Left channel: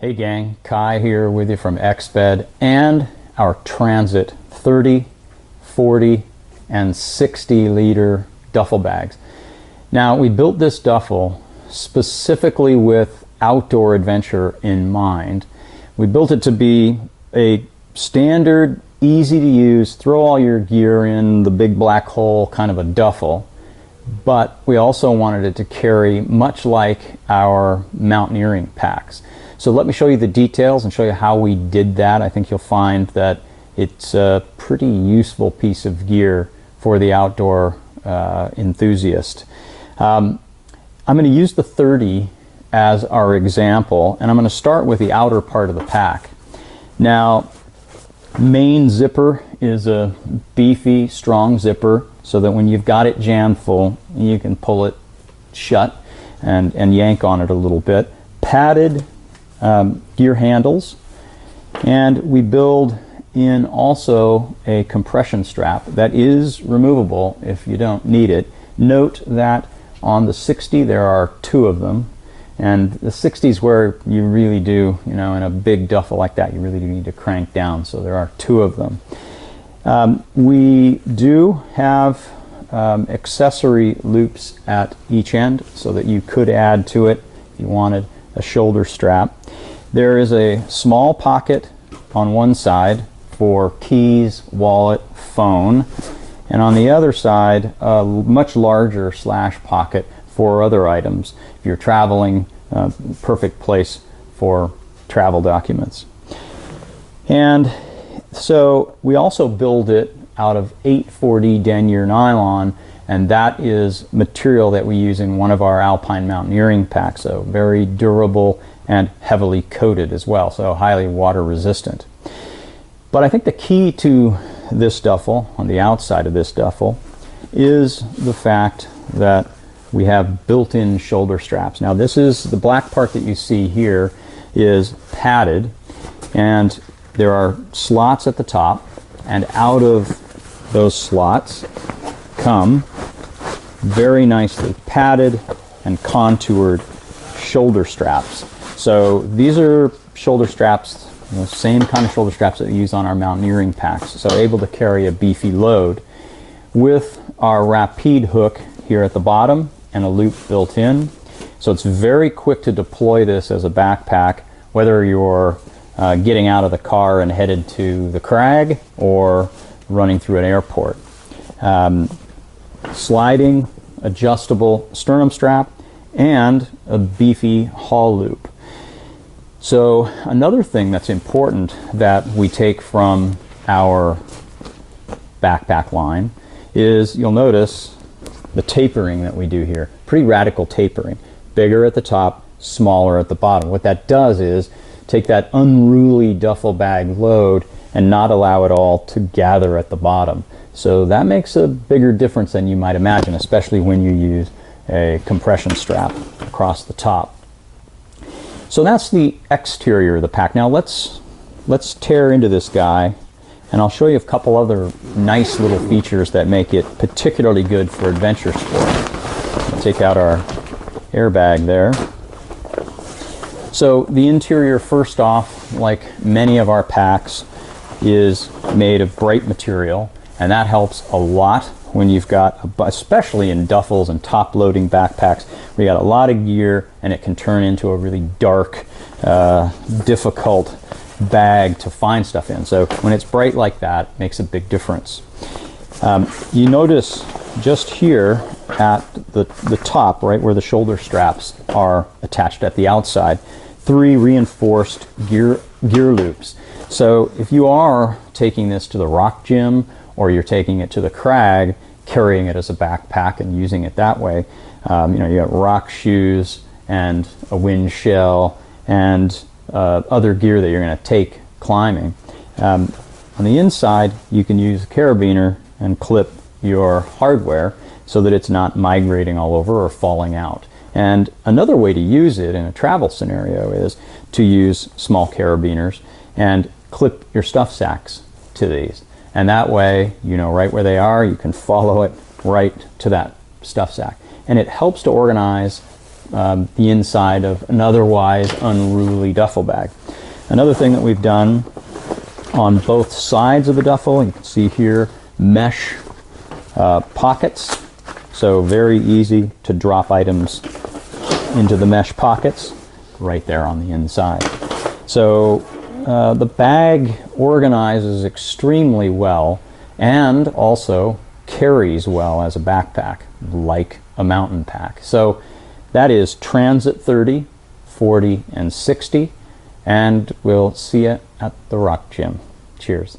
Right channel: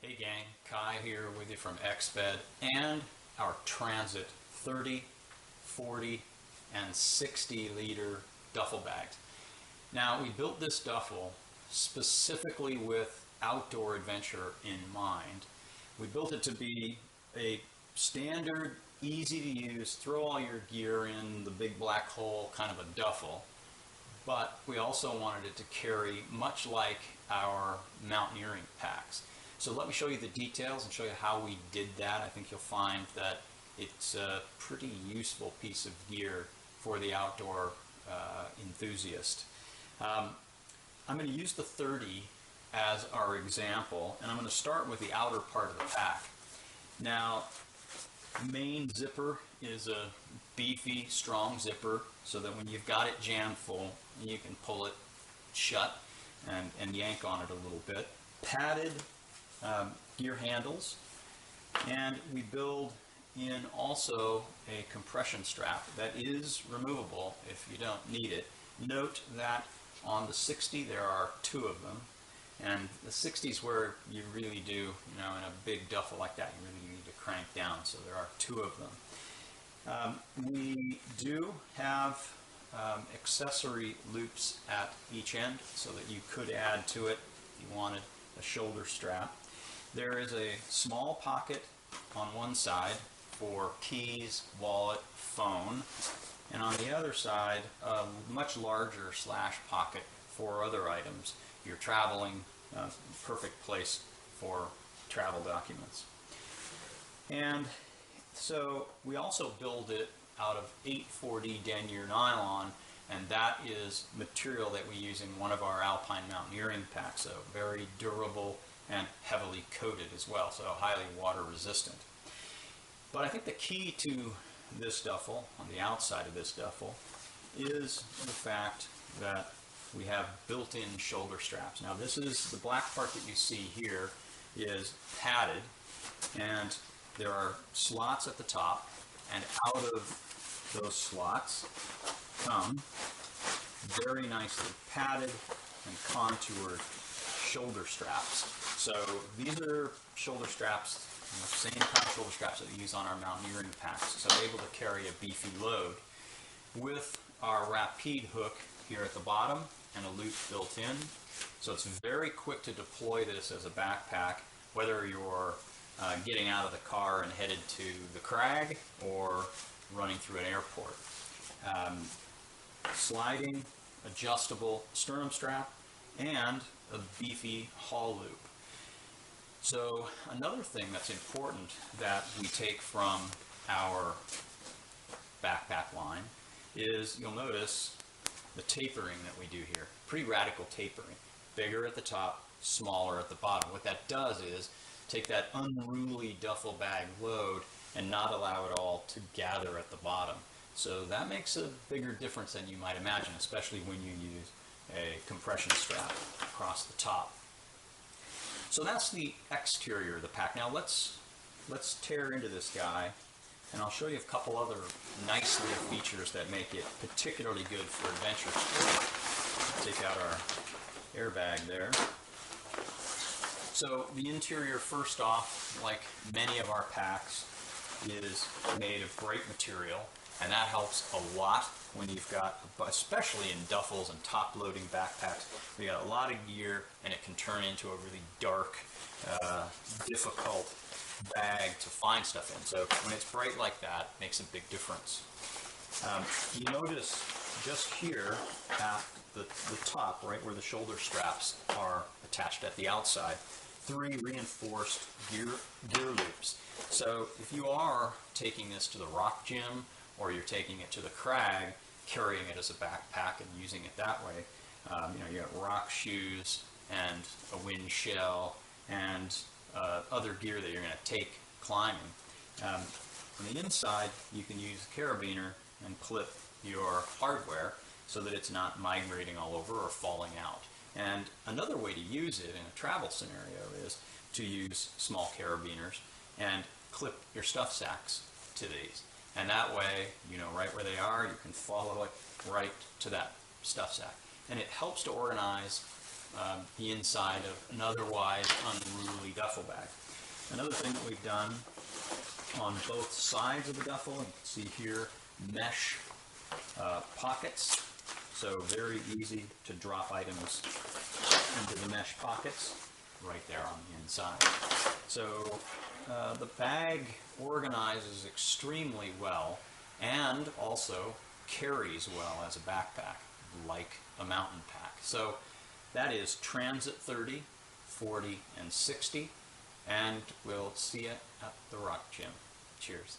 Hey gang, Kai here with you from Exped and our Transit 30, 40, and 60 liter duffel bags. Now we built this duffel specifically with outdoor adventure in mind. We built it to be a standard, easy to use, throw all your gear in the big black hole kind of a duffel. But we also wanted it to carry much like our mountaineering packs. So let me show you the details and show you how we did that. I think you'll find that it's a pretty useful piece of gear for the outdoor enthusiast. I'm going to use the 30 as our example, and I'm going to start with the outer part of the pack. Now, main zipper is a beefy, strong zipper so that when you've got it jammed full, you can pull it shut and yank on it a little bit. Padded gear handles, and we build in also a compression strap that is removable if you don't need it. Note that on the 60 there are two of them, and the 60 is where you really do, in a big duffel like that, you really do need to crank down, so there are two of them. We do have accessory loops at each end so that you could add to it if you wanted a shoulder strap. There is a small pocket on one side for keys, wallet, phone, and on the other side a much larger slash pocket for other items. If you're traveling, perfect place for travel documents. And so we also build it out of 840 denier nylon, and that is material that we use in one of our alpine mountaineering packs, so very durable and heavily coated as well, so highly water resistant. But I think the key to this duffel, on the outside of this duffel, is the fact that we have built-in shoulder straps. Now this is the black part that you see here is padded, and there are slots at the top, and out of those slots come very nicely padded and contoured shoulder straps. So these are shoulder straps, same kind of shoulder straps that we use on our mountaineering packs, so able to carry a beefy load with our rapide hook here at the bottom and a loop built in. So it's very quick to deploy this as a backpack, whether you're getting out of the car and headed to the crag or running through an airport. Sliding, adjustable sternum strap, and a beefy haul loop. So another thing that's important that we take from our backpack line is, you'll notice the tapering that we do here. Pretty radical tapering. Bigger at the top, smaller at the bottom. What that does is take that unruly duffel bag load and not allow it all to gather at the bottom. So that makes a bigger difference than you might imagine, especially when you use a compression strap across the top. So that's the exterior of the pack. Now let's tear into this guy, and I'll show you a couple other nice little features that make it particularly good for adventure sport. We'll take out our airbag there. So the interior, first off, like many of our packs, is made of bright material, and that helps a lot when you've got, especially in duffels and top-loading backpacks, where you got a lot of gear and it can turn into a really dark, difficult bag to find stuff in. So when it's bright like that, it makes a big difference. You notice just here at the top, right where the shoulder straps are attached at the outside, 3 reinforced gear loops. So if you are taking this to the rock gym, or you're taking it to the crag, carrying it as a backpack and using it that way, you got rock shoes and a wind shell and other gear that you're going to take climbing. On the inside, you can use a carabiner and clip your hardware so that it's not migrating all over or falling out. And another way to use it in a travel scenario is to use small carabiners and clip your stuff sacks to these. And that way, you know right where they are, you can follow it right to that stuff sack. And it helps to organize the inside of an otherwise unruly duffel bag. Another thing that we've done on both sides of the duffel, you can see here, mesh pockets, so very easy to drop items into the mesh pockets right there on the inside. So the bag organizes extremely well and also carries well as a backpack, like a mountain pack. So that is Transit 30, 40, and 60, and we'll see you at the Rock Gym. Cheers.